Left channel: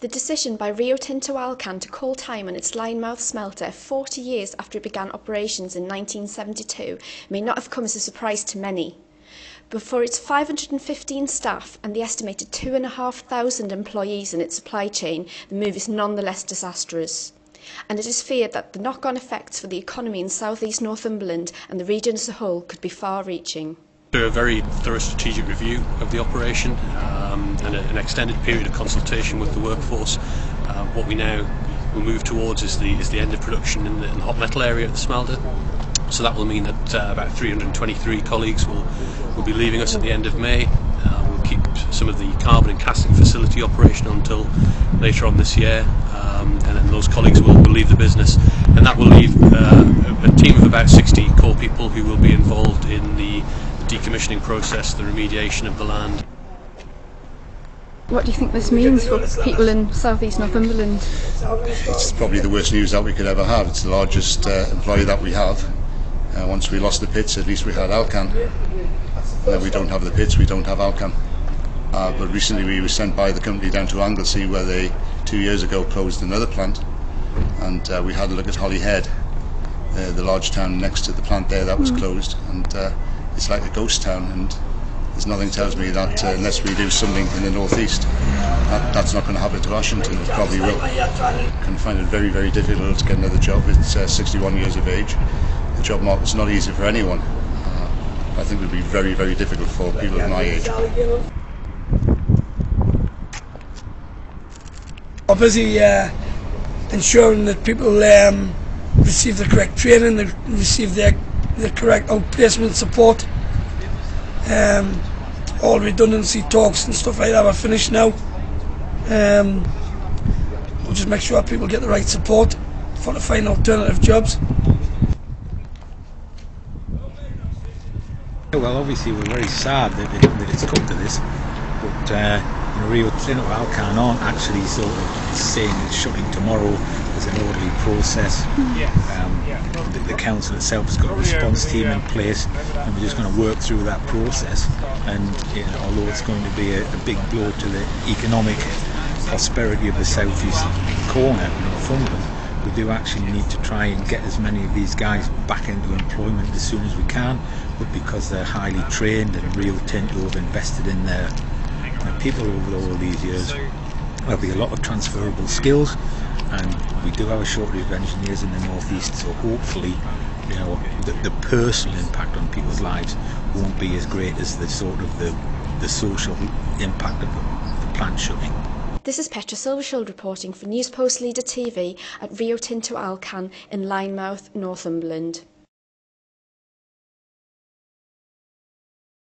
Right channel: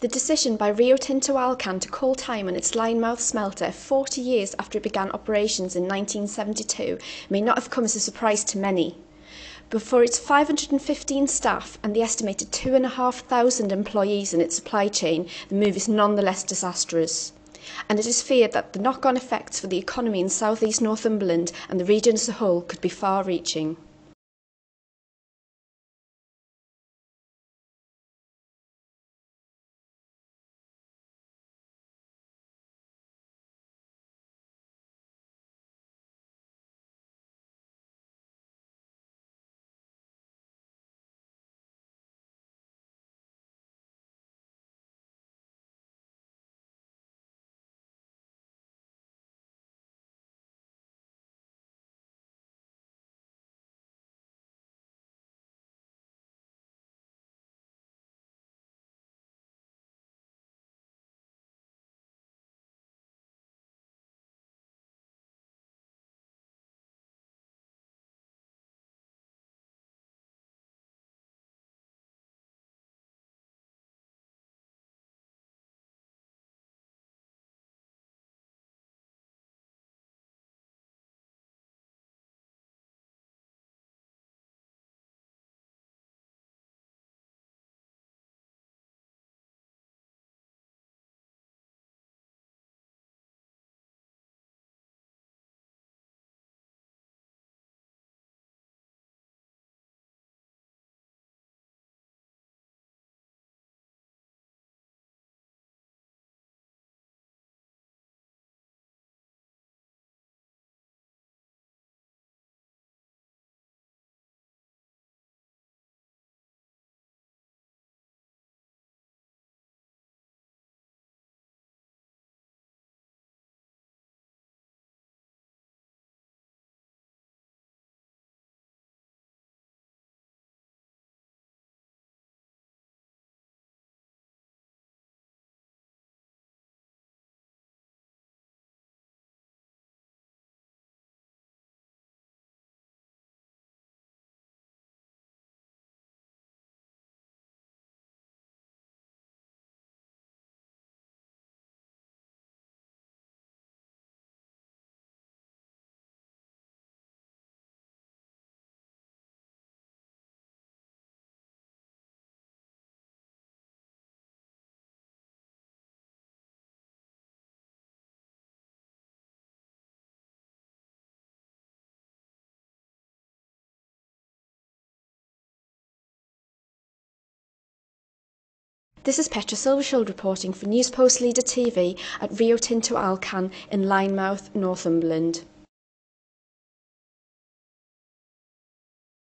The decision by Rio Tinto Alcan to call time on its Lynemouth smelter 40 years after it began operations in 1972 may not have come as a surprise to many. But for its 515 staff and the estimated 2,500 employees in its supply chain, the move is nonetheless disastrous. And it is feared that the knock-on effects for the economy in South East Northumberland and the region as a whole could be far-reaching. After a very thorough strategic review of the operation and an extended period of consultation with the workforce, what we now will move towards is the end of production in the hot metal area at the smelter. So that will mean that about 323 colleagues will be leaving us at the end of May. We'll keep some of the carbon and casting facility operational until later on this year, and then those colleagues will leave the business, and that will leave a team of about 60 core people who will be involved in the decommissioning process, the remediation of the land. What do you think this means for people in South East Northumberland? It's probably the worst news that we could ever have. It's the largest employer that we have. Once we lost the pits, at least we had Alcan. Now we don't have the pits, we don't have Alcan. But recently we were sent by the company down to Anglesey, where they 2 years ago closed another plant, and we had a look at Holyhead, the large town next to the plant there that was closed, and it's like a ghost town, and there's nothing tells me that unless we do something in the northeast, that's not going to happen to Ashington. It probably will. I can find it very, very difficult to get another job. It's 61 years of age. The job market's not easy for anyone. I think it would be very, very difficult for people of my age. We're busy ensuring that people receive the correct training, they receive the correct outplacement support. All redundancy talks and stuff like that are finished now. We'll just make sure people get the right support for to find alternative jobs. Well, obviously we're very sad that it's come to this, but Rio Tinto Alcan aren't actually sort of saying it's shutting tomorrow. There's an orderly process. The council itself has got a response team in place, and we're just going to work through that process. And although it's going to be a big blow to the economic prosperity of the southeast corner of Northumberland, we do actually need to try and get as many of these guys back into employment as soon as we can. But because they're highly trained and Rio Tinto have invested in their people over all these years, there'll be a lot of transferable skills, and we do have a shortage of engineers in the northeast, so hopefully the personal impact on people's lives won't be as great as the sort of the social impact of the plant shutting. This is Petra Silvershield reporting for News Post Leader TV at Rio Tinto Alcan in Lynemouth, Northumberland.